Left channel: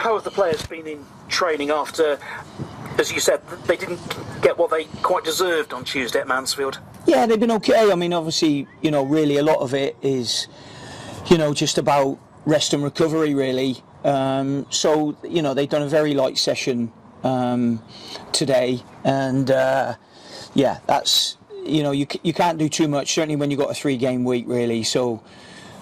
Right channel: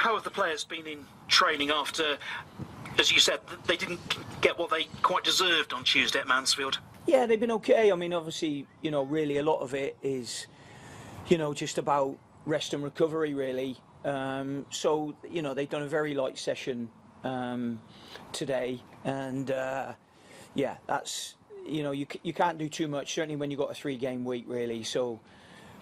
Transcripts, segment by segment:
how have the players been in training after, as you said, they didn't get what they quite deserved on Tuesday at Mansfield? Yeah, they've been okay. I mean, obviously, really a lot of it is, just about rest and recovery, really. So, they've done a very light session today, and that's, you can't do too much, certainly when you've got a 3-game week, really. So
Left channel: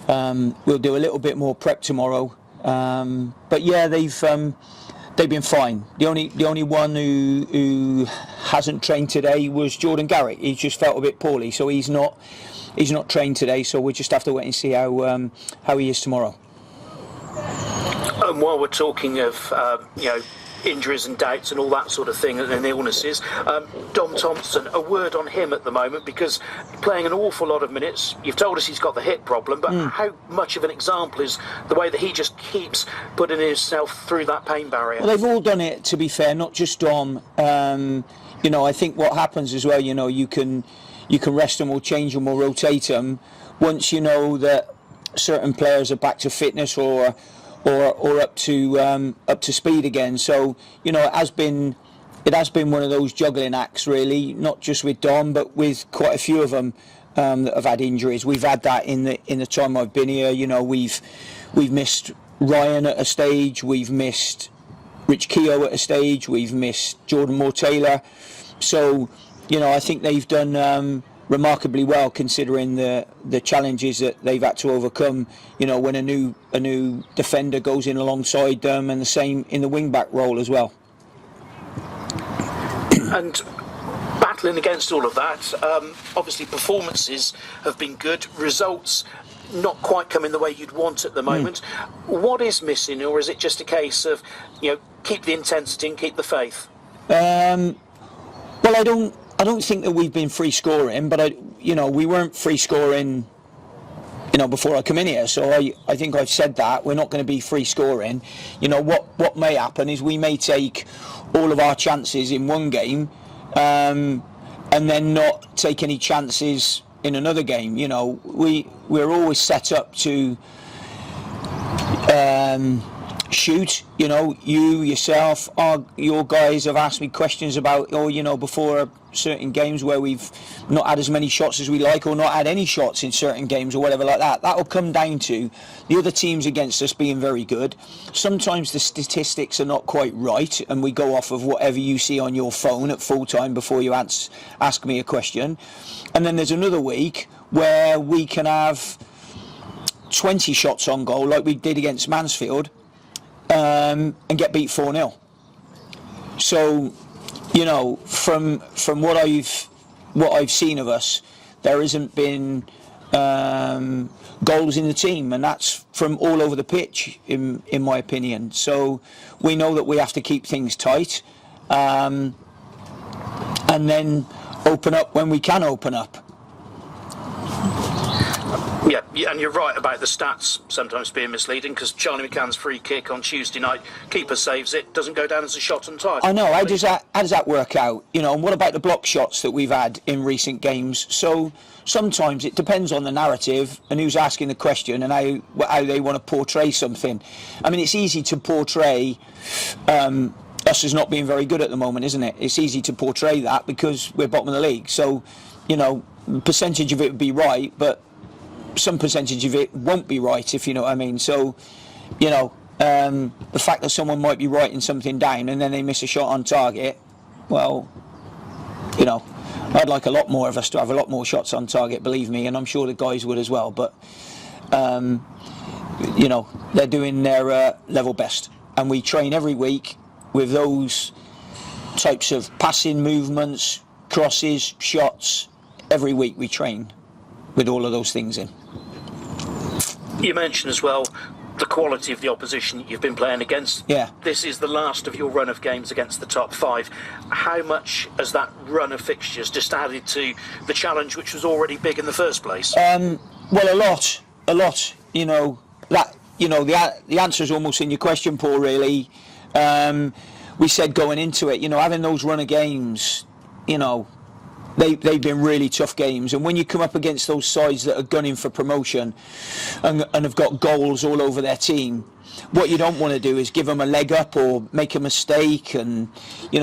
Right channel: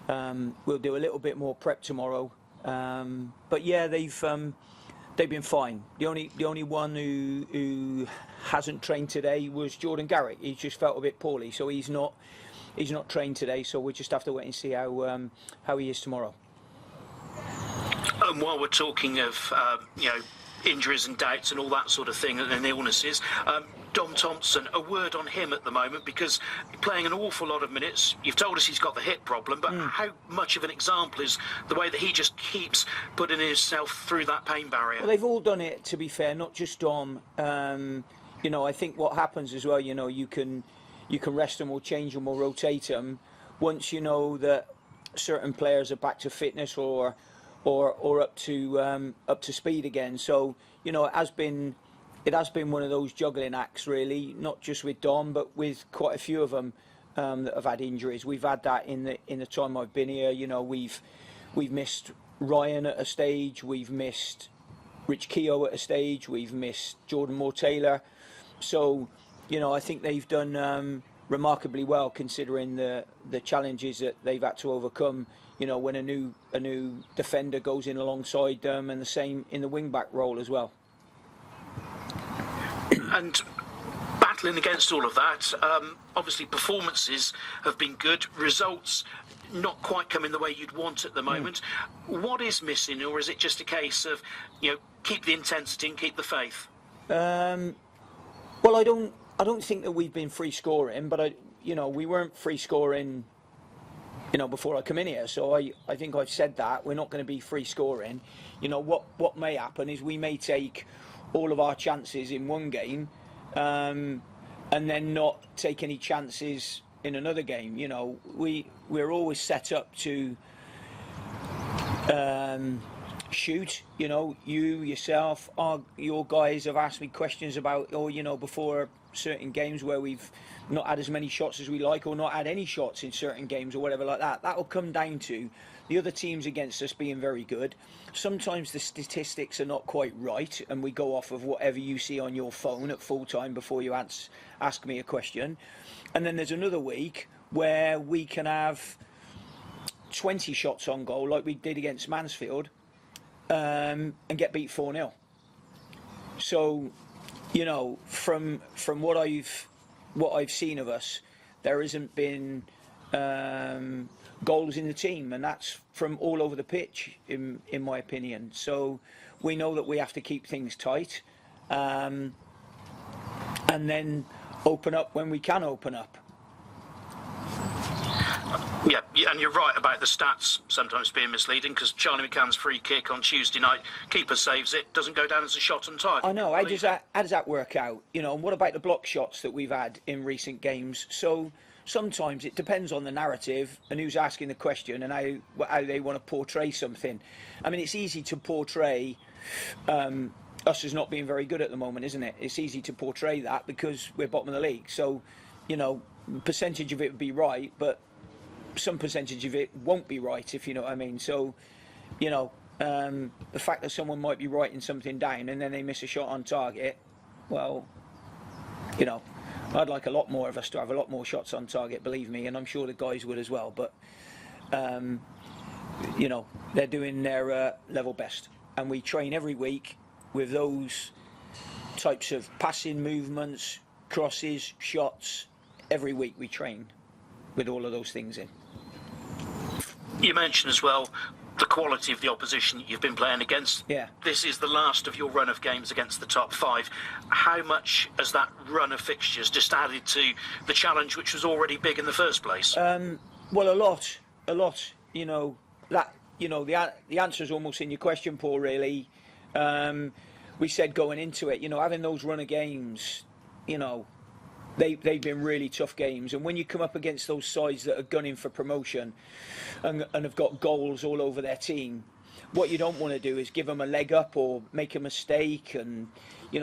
we'll do a little bit more prep tomorrow. But yeah, they've been fine. The only one who hasn't trained today was Jordan Garrick. He just felt a bit poorly, so he's not trained today. So we just have to wait and see how he is tomorrow. And while we're talking of injuries and doubts and all that sort of thing and illnesses, Dom Thompson, a word on him at the moment, because playing an awful lot of minutes. You've told us he's got the hip problem, but how much of an example is the way that he just keeps putting himself through that pain barrier? Well, they've all done it, to be fair, not just Dom. I think what happens as well, you can rest them or change them or rotate them once you know that certain players are back to fitness or up to speed again. So it has been one of those juggling acts, really, not just with Dom but with quite a few of them that have had injuries. We've had that in the time I've been here. We've missed Ryan at a stage, we've missed Rich Keogh at a stage, we've missed Jordan Moore-Taylor. So I think they've done remarkably well, considering the challenges that they've had to overcome. When a new defender goes in alongside them, and the same in the wing back role as well. And battling against all of that, obviously performances have been good, results not quite coming the way you'd want at the moment. What is missing, or is it just a case of keep the intensity and keep the faith? Well, I don't think that we've been free scoring, but we weren't free scoring, before I come in here. So I think I've said that we're not going to be free scoring. What may happen is we may take all of our chances in one game, and then not take any chances in another game. We're always set up to shoot. You yourself, your guys have asked me questions about, before certain games where we've not had as many shots as we like, or not had any shots in certain games, or whatever like that. That'll come down to the other teams against us being very good. Sometimes the statistics are not quite right, and we go off of whatever you see on your phone at full time before you ask me a question. And then there's another week where we can have 20 shots on goal, like we did against Mansfield, and get beat 4-0. So, from what I've seen of us, there hasn't been goals in the team, and that's from all over the pitch, in my opinion. So we know that we have to keep things tight, and then open up when we can open up. Yeah, and you're right about the stats sometimes being misleading, because Charlie McCann's free kick on Tuesday night, keeper saves it, doesn't go down as a shot on target. I know, how does that work out? And what about the block shots that we've had in recent games? So sometimes it depends on the narrative and who's asking the question and how they want to portray something. I mean, it's easy to portray us as not being very good at the moment, isn't it? It's easy to portray that because we're bottom of the league. So, percentage of it would be right, but some percentage of it won't be right, if you know what I mean. So, the fact that someone might be writing something down and then they miss a shot on target, well, I'd like a lot more of us to have a lot more shots on target, believe me, and I'm sure the guys would as well. But, they're doing their level best. And we train every week with those types of passing movements, crosses, shots. Every week we train with all of those things in. You mentioned as well the quality of the opposition you've been playing against. Yeah. This is the last of your run of games against the top 5. How much has that run of fixtures just added to the challenge, which was already big in the first place? Well, a lot. The answer is almost in your question, Paul, really. We said going into it, having those run of games, they've been really tough games. And when you come up against those sides that are gunning for promotion and have got goals all over their team, what you don't want to do is give them a leg up or make a mistake. And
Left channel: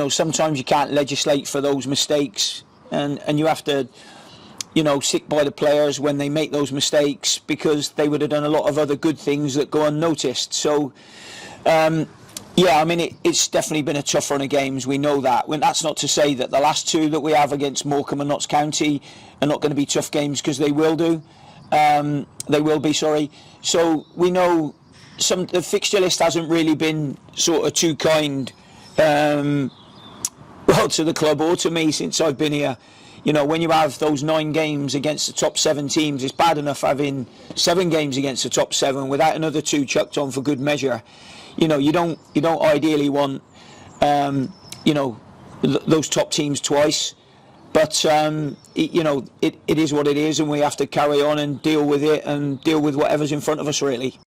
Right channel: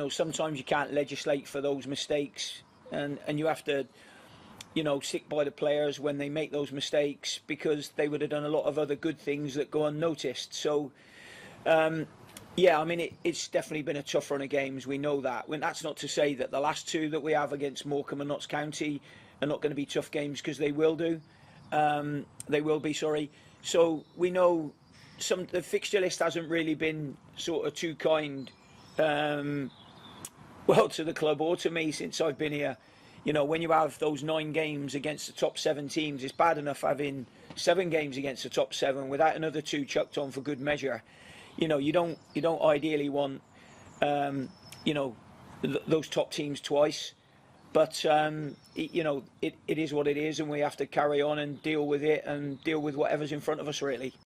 sometimes you can't legislate for those mistakes, and you have to stick by the players when they make those mistakes, because they would have done a lot of other good things that go unnoticed. So yeah, I mean, it's definitely been a tough run of games. We know that. That's not to say that the last two that we have against Morecambe and Notts County are not going to be tough games, because they will do. They will be, sorry. So we know the fixture list hasn't really been sort of too kind, to the club or to me since I've been here. When you have those 9 games against the top 7 teams, it's bad enough having 7 games against the top 7 without another 2 chucked on for good measure. You don't ideally want those top teams twice, but it is what it is, and we have to carry on and deal with it and deal with whatever's in front of us, really.